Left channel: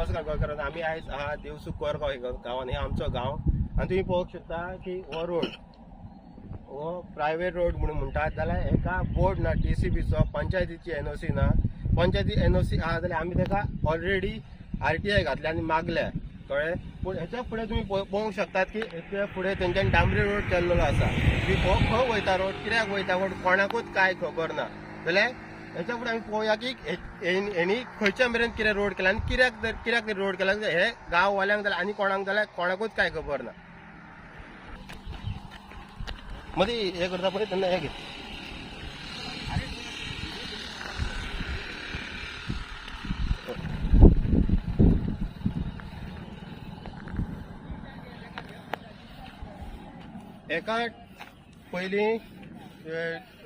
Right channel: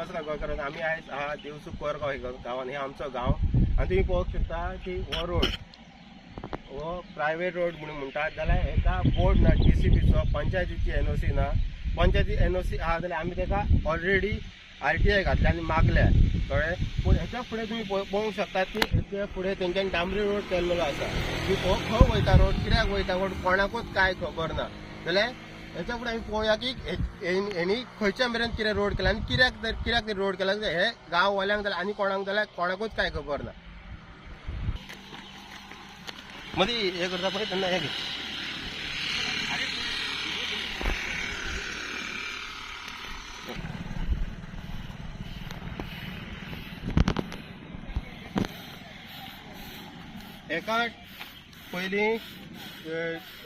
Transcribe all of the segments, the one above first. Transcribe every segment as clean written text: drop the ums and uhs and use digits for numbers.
नमस्कार गोंयकार, आम्ही आहा दिवसू कोरगाव गांवान. हे आमचं गाव आणि तुम्ही पळोवंक शकता की हो रोड हो प्रायवेट रोड म्हणून म्हणटात. जाल्यार हेका बोर्ड ना DCBचो, पंचायतीची NOC ना. पंचायती NOC आहा जाल्यार आमी तेका ऑलरेडी RTI घातले आनी मागल्या कळ्ळें. पूण हेच्या फुडें तुमी पळोवंक शकतात की हेच्या फुडें तेंच्यांनी डांबरी रोड केल्लो आसा. की हो खंय वयता रोड, कित्याक वयता रोड, कोणाकूच कांय खबर ना. जाल्यार हेच्या फुडें आमी पळोवया की हेणी खंयच्या मेरेन कितें रोड केला आनी कित्याक रोड केला. हे गांववाल्यांक जाल्यार आनी कोणाक जाल्यार कोणाकूच कांय खबर ना. मदीं हे करता पळय तेन्ना हे घे. एका पयलीं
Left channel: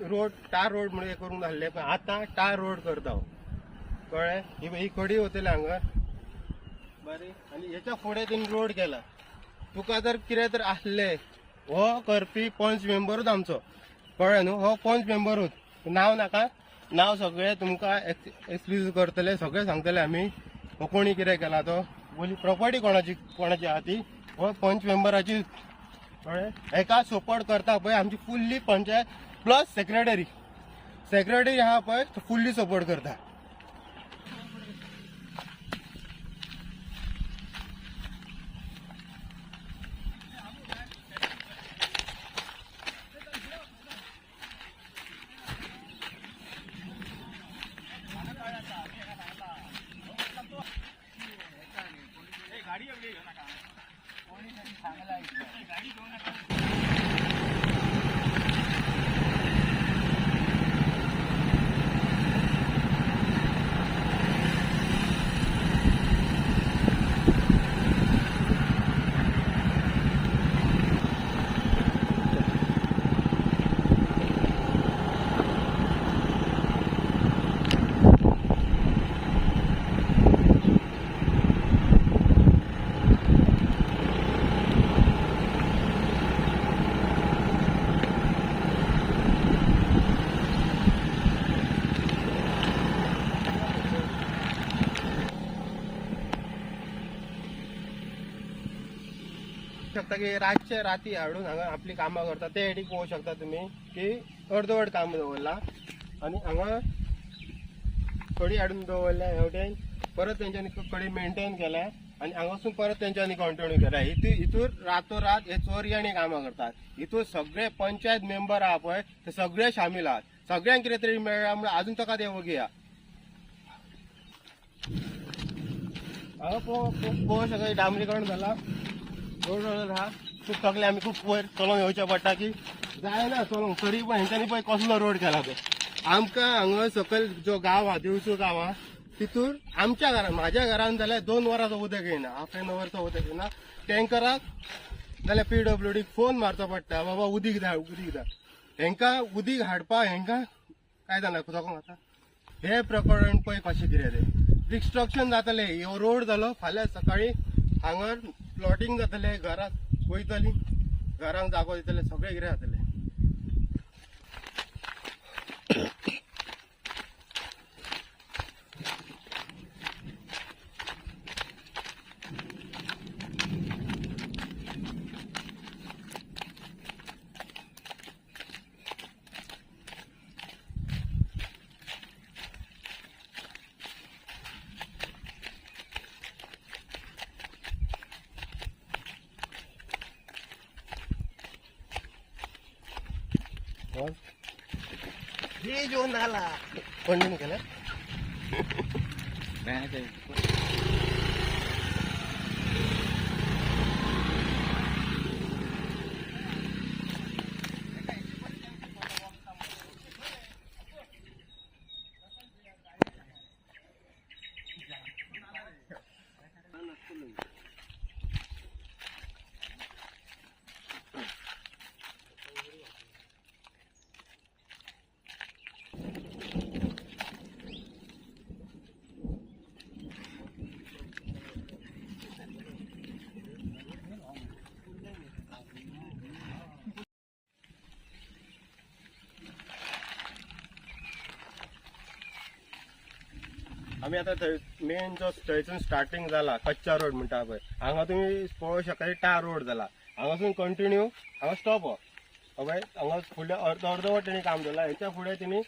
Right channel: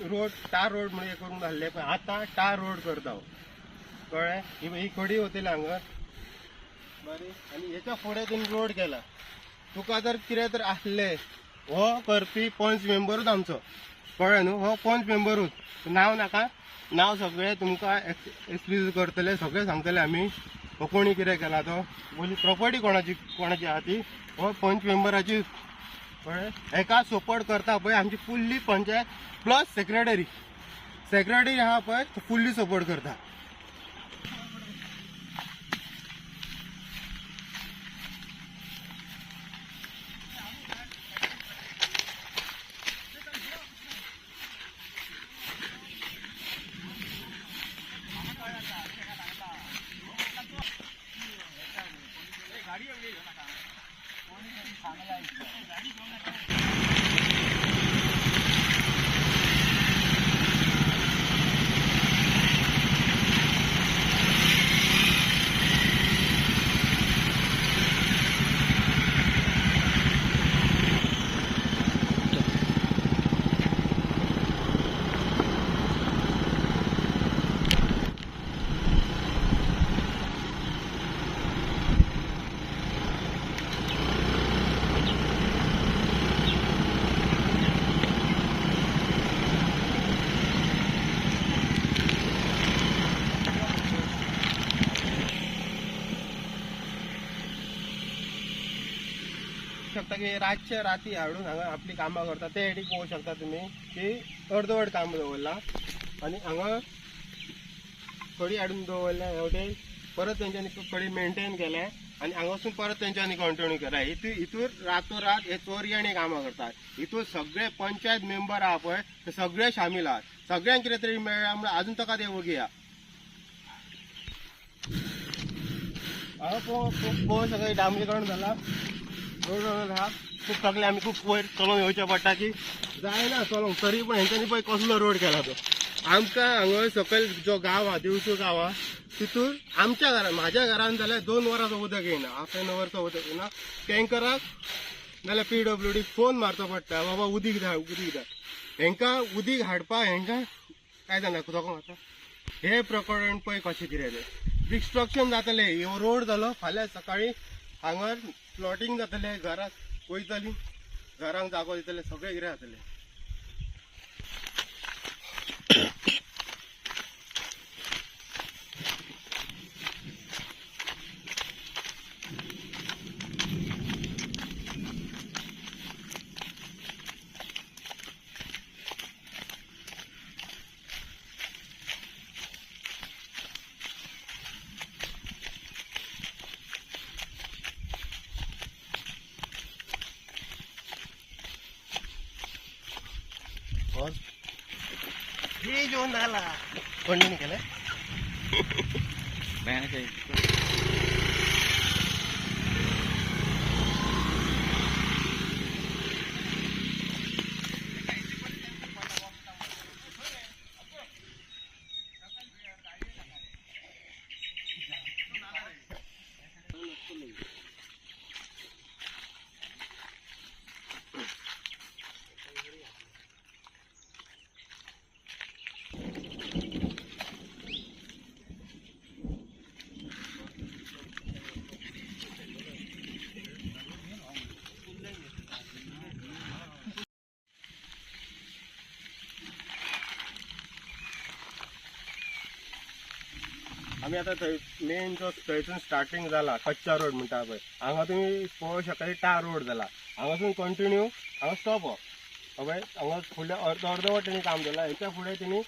रोड टार रोड म्हणून हे करून घाल्ले, पण आतां टार रोड करता कळ्ळें. ही खडी वतली हांगा बरी आनी हेच्या फुडें तुमी रोड केला. तुका जर कितें तर आसलें हो करपी पंच मेंबरूच आमचो कळ्ळें न्हू. हो पंच मेंबरूच, नांव नाका, नांव सगळें तुमकां एक्सप्लेन करतले, सगळें सांगतले आमी हो कोणी कितें केला तो. पयलीं प्रॉपर्टी कोणाची आहा ती हो पंच मेंबराची कळ्ळें. हेका सपोर्ट करता पळय आमची फुल्ली पंचायत प्लस सेक्रेटरी आहा पळय तो फुल्ली सपोर्ट करता. शकता की रातचे राती हाडून हांगा आपली कामां करता. ते हेडी पळोवंक शकता तुमी की अर्दवट काम दवरला आनी हांगा कडी हाडून दवरल्या. हेवटेन परत तेंच्यांनी कडी मेंटेन केल्या आनी हांगासून परत तेंच्यांनी कंटिन्यू केला. हितूर रातोरात हे चोरयांनी कामां करतात. हितूर सगळे पंचायत मेंबर आहा पळय ते सगळे शामील आहात. सगळ्यांक कितें तरी मेळ्ळा म्हणून अजून ताका ते वगया. हांगा पळोवंक सगळें डांबरीकरण जाला. खूप सगळे आम्ही खूप वयर चलोवन येवचें पडटा की जायना चलोवंक. तरी पण हेंच्यांनी पळय कसलो रोड केला तो. आमकां हांगा सकयल जो गांव आहा दिवचो गांव आहा तितूर आमच्या घरान म्हाज्या घरान जाल्यार 2 वरांचो उदक येना, हाफ एन अवरचो उदक येना. टँकराक नाल्यार PWD फोन मारचो पडटा, बाबा उदीक धाड उदीक धाड. हेंकां उदीक हाडपाक हेंकां काय जाणा सोको आतां हे प्रकरण पळय कशें कितें तें डिस्ट्रक्शन जातलें. हो रोड जालो फाल्यां सकाळीं हांगा प्लॉटिंग जातलें, घरां वयतलीं, घरांक जागो दितले, सगळें कितें जातलें. हे जो नाला कंटिन्यू केलं आम्ही आता मेन जो थंयसून स्टार्टिंग झाला कच्चा रोड म्हणटा पळय हांगा तुम्ही पळोवं शकता टार रोड झाला हांगासून कंटिन्यू हांगा स्टॉप पळय हांगा फुडें अर्धवट तेणी काम केलां हेच्या फुडें तेणी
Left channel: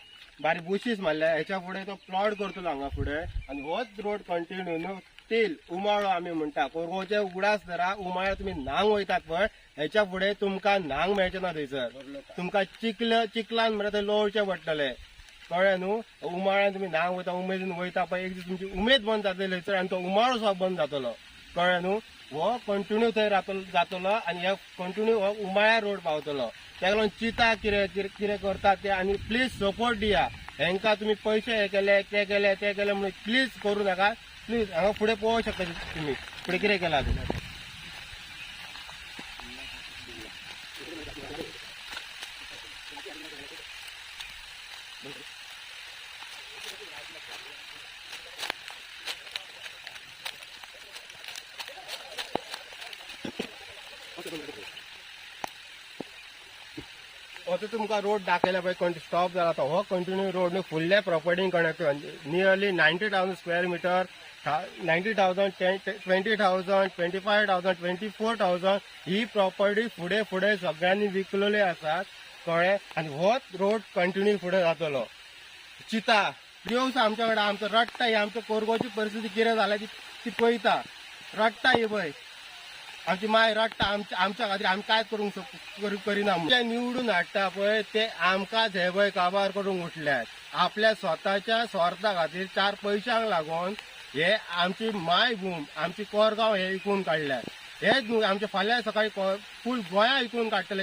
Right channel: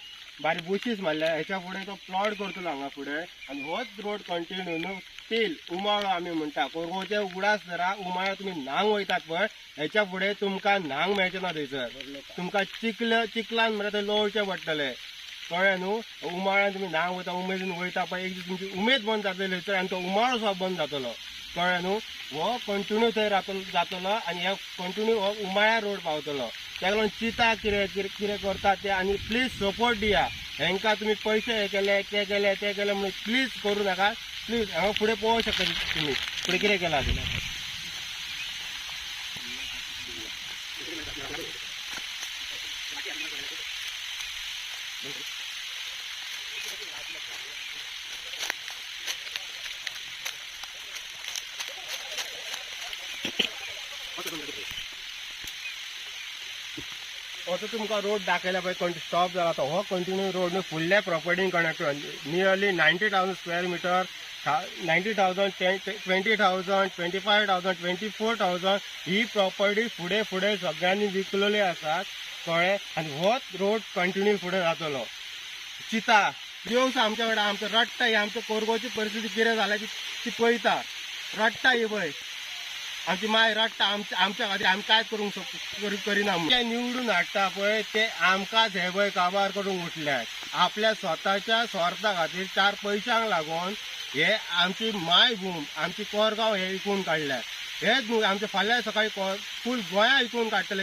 बारीक बुशीस मारल्या हेच्या फुडें तो प्लॉट करतलो हांगा फुडें आनी होच रोड कंटिन्यू न्हू स्टील उमाळो आमी म्हणटा कोरगोचे उगडास जरा उमाळ्या तुम्ही न्हांग वयतात पळय हेच्या फुडें तुमकां न्हांग मेळचें ना थंयसर तुमकां चिखलान म्हणटा थंय लोळचें पडटलें कळ्ळें न्हू उमाळ्यान तुमी न्हांग वयता उमेदीन वयता पळय एक दीस तुमची उमेद बंद जातली थंयसर आनी तो उमाळो सुद्दां बंद जातलो कळ्ळें न्हू हो कंटिन्यू थंय जातलो आनी हे कंटिन्यू हो उमाळ्या रोड पावतलो ताका लागून चिंता कितें करता ते आनी प्लीज सपोर्ट दिया हेंकां तुमी पयशे हे केले ते केले म्हणून प्लीज करूं नाका प्लीज हांगा फुडें पळोवंक शकता तुमी फुडें कितें केलां तें असो तुमकां रोड दाखयला पळय स्टॉप जाला तो हो कंटिन्यू रोड न्हू फुडल्या प्रॉपर्टीन कनेक्ट नियरली 90,000 स्क्वेअर मिटर 90,000 20,000 25,000 24,000 ही प्रॉपर्टी फुडें सगळ्यांनी विकलेली आसात कळ्ळें आनी होच रोड कंटिन्यू फुडें जातलो चिता दिवस आमच्या कडेन आमचो रडटा ही आमच्या कोरगोची परिस्थिती कितें जाल्या ती पळयता रडटा ही पळय आमची माय रडटा आमच्या खातीर आमी काय करूंक करिना जे निवडून हाडटा पळय ते आमकांच हे पळय काबार करूंक उठल्यात आपल्या स्वताच्या स्वार्था खातीर 4 पयशांक लागून हे आमची मायभूम आमची कोरगांव हे विकून काडल्यात हेच न्हू आमचे फाल्यां सकाळी फूल गोंया विकून काडटले